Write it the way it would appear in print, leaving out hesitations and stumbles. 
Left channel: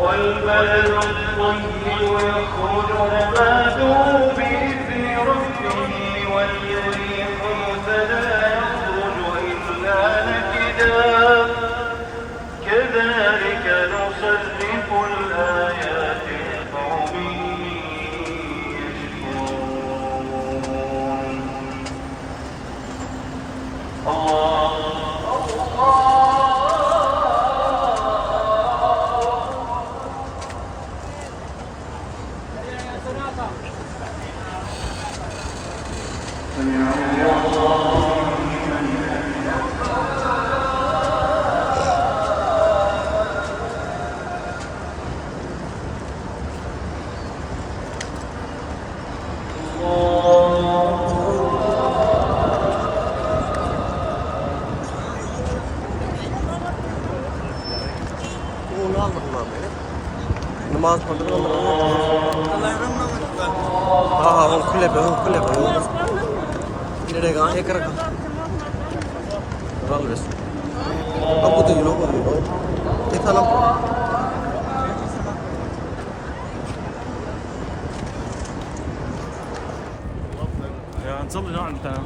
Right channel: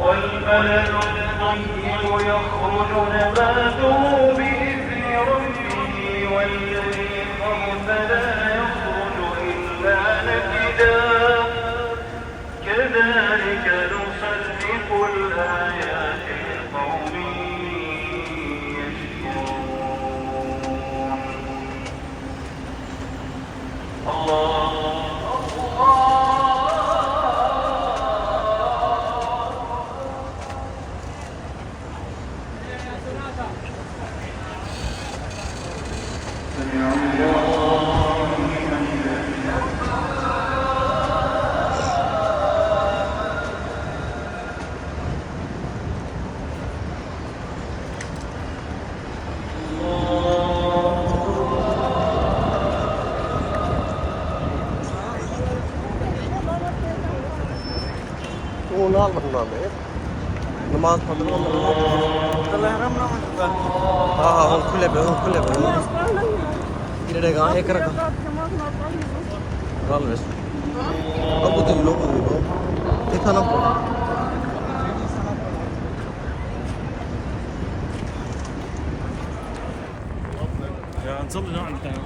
والبلد الطيب يخرج نباته بإذن ربه والذي خبث لا يخرج إلا نكدا كذلك نصرف الآيات لقوم يشكرون. الله ਉਹ ਨਾਲ ਬੰਨਾ ਮੈਂ ਨਮਾਜ਼ ਪੜ੍ਹ ਰਿਹਾ ਹਾਂ ਹਾਂ ਉਹ ਖੁੱਲੇ ਪਏ ਕਿਹੜੇ ਗਾ ਇੱਕ ਰਕਾ ਰਾਲਵੇਸ ਅਬੂ ਤੀ ਲੋਗੋ ਕਿਥਾ ਨਾ يا نصلي عندك